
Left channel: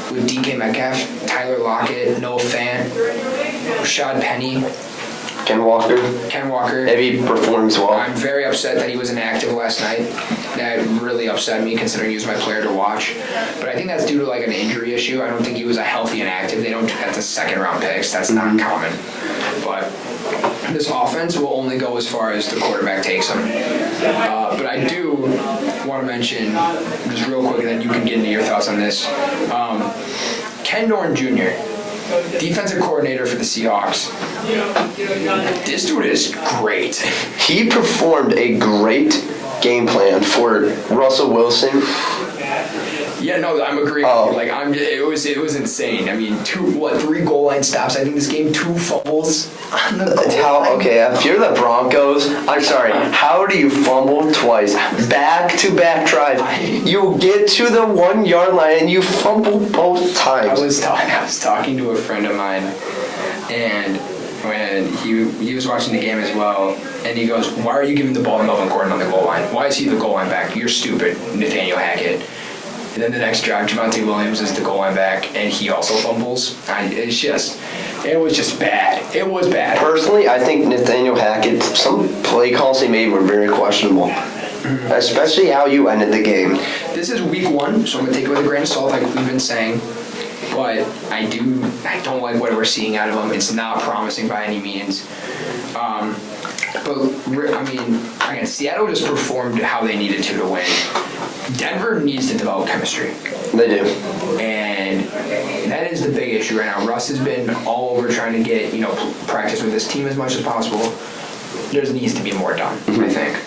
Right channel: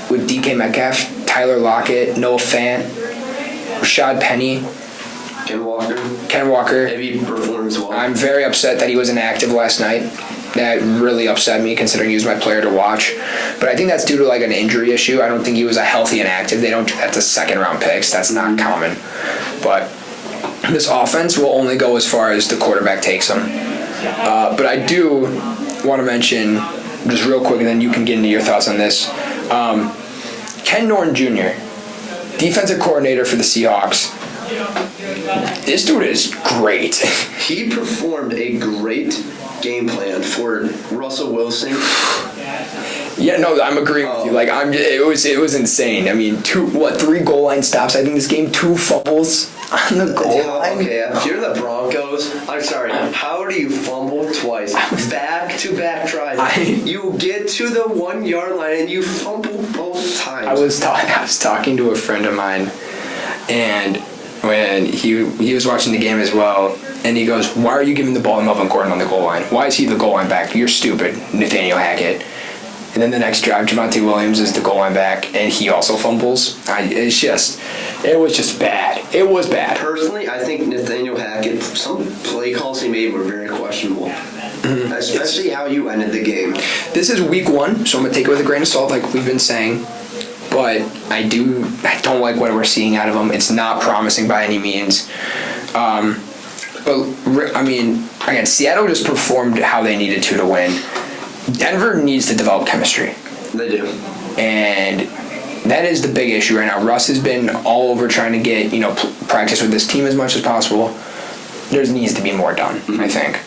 with DK Metcalf, Tyler Lockett, Noah Fant, Rashad Penny, Ken Walker. Maybe he performs well. I'm very upset that he was inactive last night. That really upset me considering he was my player to watch. But I think that's due to like an injury issue. I don't think he was a healthy inactive. They don't. That's a second round picks. That's not common. But this offense will only go as far as the quarterback takes them. But I do want to mention just real quick, and then you can get into your thoughts on this. Ken Norton Jr., defensive coordinator for the Seahawks. This dude is great. He performed a great game plan for Russell Wilson. Yeah, no, I'm agreeing with you. Like, it was insane. I mean, 3 goal line stops. I think this game, 2 fumbles on the goal line. Okay, if you're the Broncos, I'm sorry. How do you fumble twice? Back-to-back tries. You get to the 1 yard line and you fumble both times. I was talking to a friend of mine, and when he was watching the game as well, and he goes, "Why are you giving the ball to Melvin Gordon on the goal line? Why is he the goal line back? You're stupid, Nathaniel Hackett." And then the next drive, Javonte Williams is the goal line back, and he also fumbles. It was just bad. It was bad. Personally, I think Nathaniel Hackett, some play calls he made were very questionable. Especially how you ended the game. This is week 1, so I'm going to take it with a grain of salt, like we've been saying. But I don't like what we're seeing out of him. It's not promising by any means. But, I mean, again, Seattle just performed how they needed to win. Denver needs to develop chemistry. They do. And that is the big issue right now. Russ has been all over trying to get, practice with this team as much as possible. There needs to be more done, I think.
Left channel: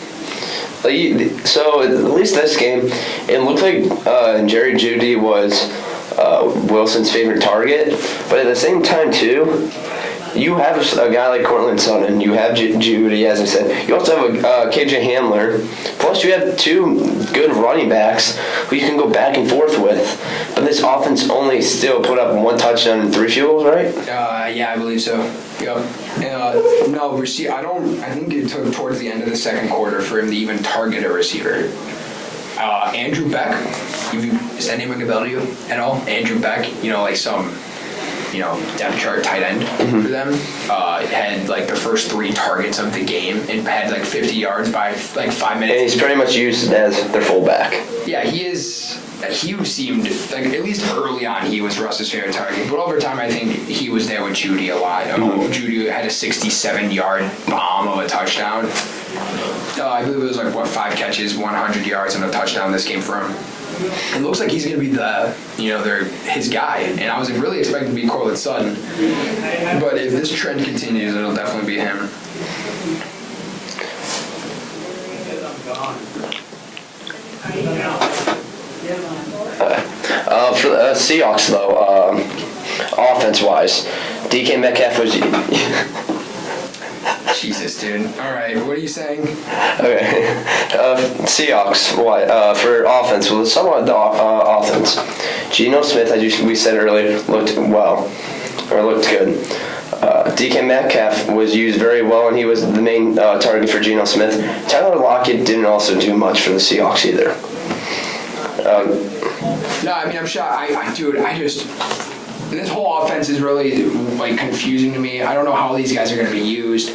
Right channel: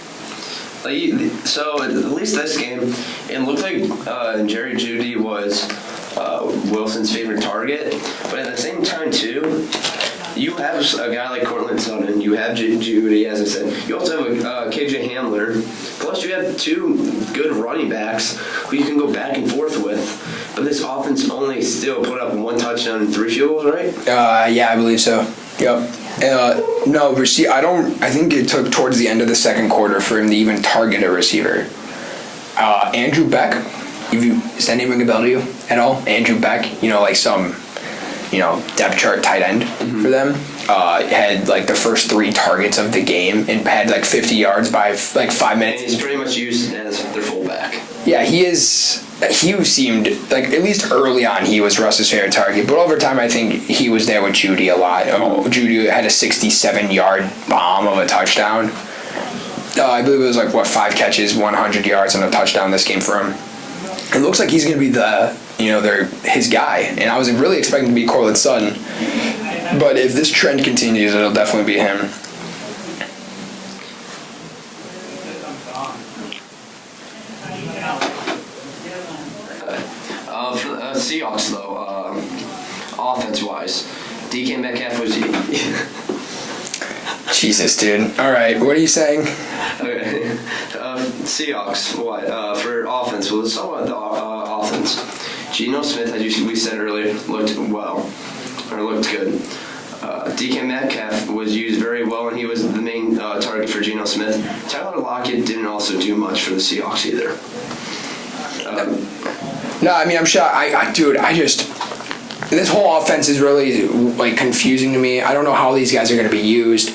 So, at least this game, it looked like Jerry Jeudy was Wilson's favorite target. But at the same time, too, you have a guy like Cortland Sutton. You have Jeudy, as I said. You also have KJ Hamler. Plus, you have 2 good running backs who you can go back and forth with. But this offense only still put up 1 touchdown and 3 field goals, right? Yeah, I believe so. Yep. No, I think it took towards the end of the second quarter for him to even target a receiver. Andrew Beck, does that name ring a bell to you at all? Andrew Beck, like some depth chart tight end for them. Had like the first 3 targets of the game and had like 50 yards by like 5 minutes. And he's pretty much used as their fullback. Yeah, he seemed like, at least early on, he was Russ's favorite target. But over time, I think he was there with Jeudy a lot. Jeudy had a 67-yard bomb of a touchdown. I believe it was like 5 catches, 100 yards, and a touchdown this game for him. It looks like he's going to be his guy, and I was really expecting to be Cortland Sutton. But if this trend continues, it'll definitely be him. For the Seahawks, though, offense-wise, DK Metcalf was... Jesus, dude. All right, what are you saying? Okay. Seahawks, for offense, well, somewhat the offense. Geno Smith, as we said earlier, looked good. DK Metcalf was used very well, and he was the main target for Geno Smith. Tyler Lockett didn't also do much for the Seahawks either. No, I mean, I'm shocked. This whole offense is really like confusing to me. I don't know how these guys are going to be used.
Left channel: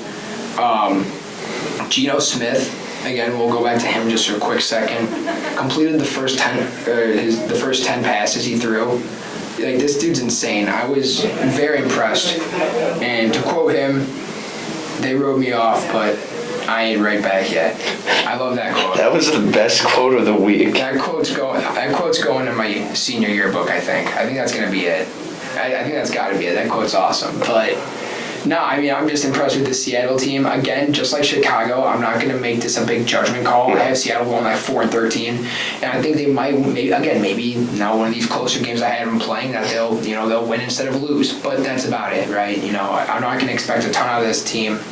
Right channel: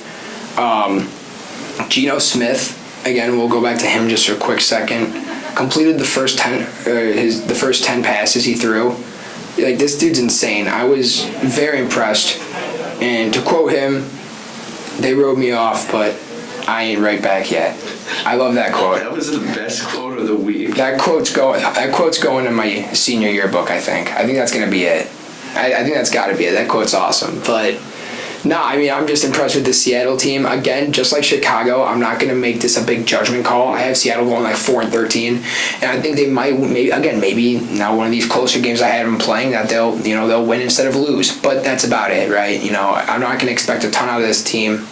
Geno Smith, again, we'll go back to him just for a quick second. Completed the first 10 passes he threw. Like, this dude's insane. I was very impressed. And to quote him, "They wrote me off, but I ain't right back yet." I love that quote. That was the best quote of the week. That quote's going in my senior yearbook, I think. I think that's going to be it. I think that's got to be it. That quote's awesome. But No, I mean, I'm just impressed with the Seattle team. Again, just like Chicago, I'm not going to make this a big judgment call. I have Seattle going like 4-13, and I think they might, maybe now one of these closer games I had them playing that they'll win instead of lose. But that's about it, right? I'm not going to expect a ton out of this team.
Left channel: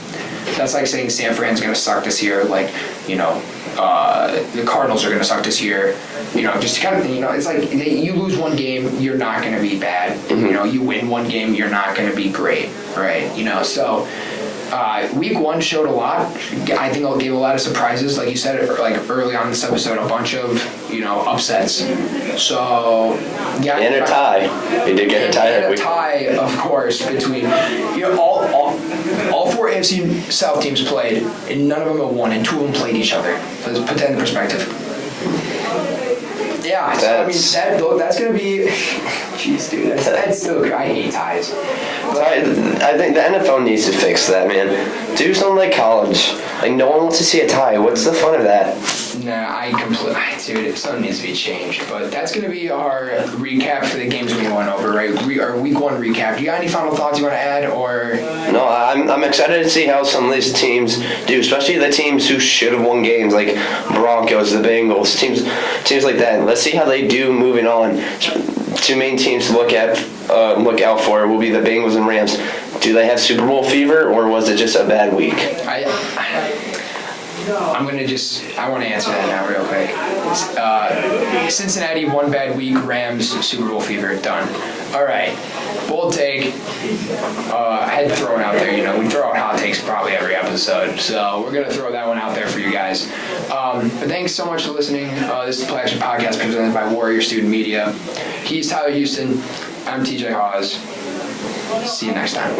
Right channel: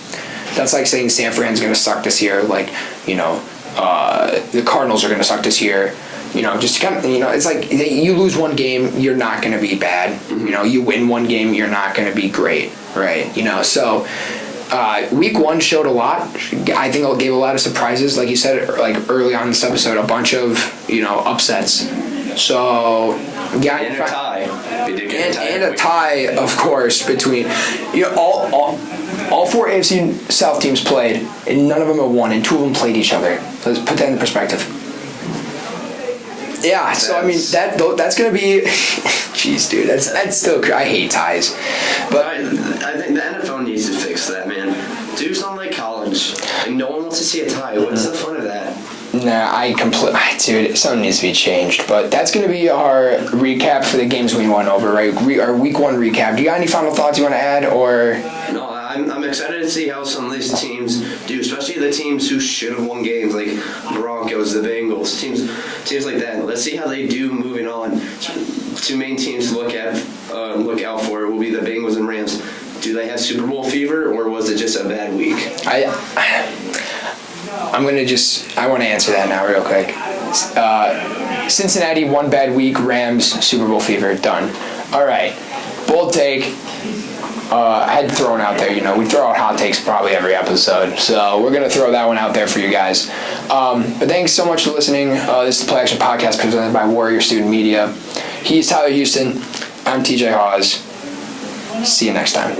That's like saying San Fran's going to suck this year. Like, the Cardinals are going to suck this year. Just kind of, it's like you lose one game, you're not going to be bad. Mm-hmm. You win one game, you're not going to be great, right? So week one showed a lot. I think it gave a lot of surprises, like you said, like early on in this episode, a bunch of upsets. So yeah, and a tie. They did get a tie. And a tie, of course, between all four AFC South teams played, and none of them have won, and two of them played each other. Let's put that in perspective. Yeah, so I mean that's gonna be, jeez, dude, that's still. I hate ties, but I think the NFL needs to fix that, man. Do something like college. Like no one wants to see a tie. What's the fun of that? Nah, dude, something needs to be changed. But that's gonna be our recap for the games we went over, right? Our week one recap. Do you got any final thoughts you want to add, or? No, I'm excited to see how some of these teams do, especially the teams who should have won games, like Broncos, the Bengals, teams like that. Let's see how they do moving on. Two main teams to look out for will be the Bengals and Ramps. Do they have Super Bowl fever, or was it just a bad week? I want to answer that now real quick. Cincinnati, one bad week. Rams, Super Bowl fever. Done. All right. Bold take. I had thrown out there. We throw out hot takes probably every episode, so we're gonna throw that one out there for you guys. But thanks so much for listening. This is the Play Action Podcast presented by Warrior Student Media. He's Tyler Houston. I'm TJ Haws. See you next time.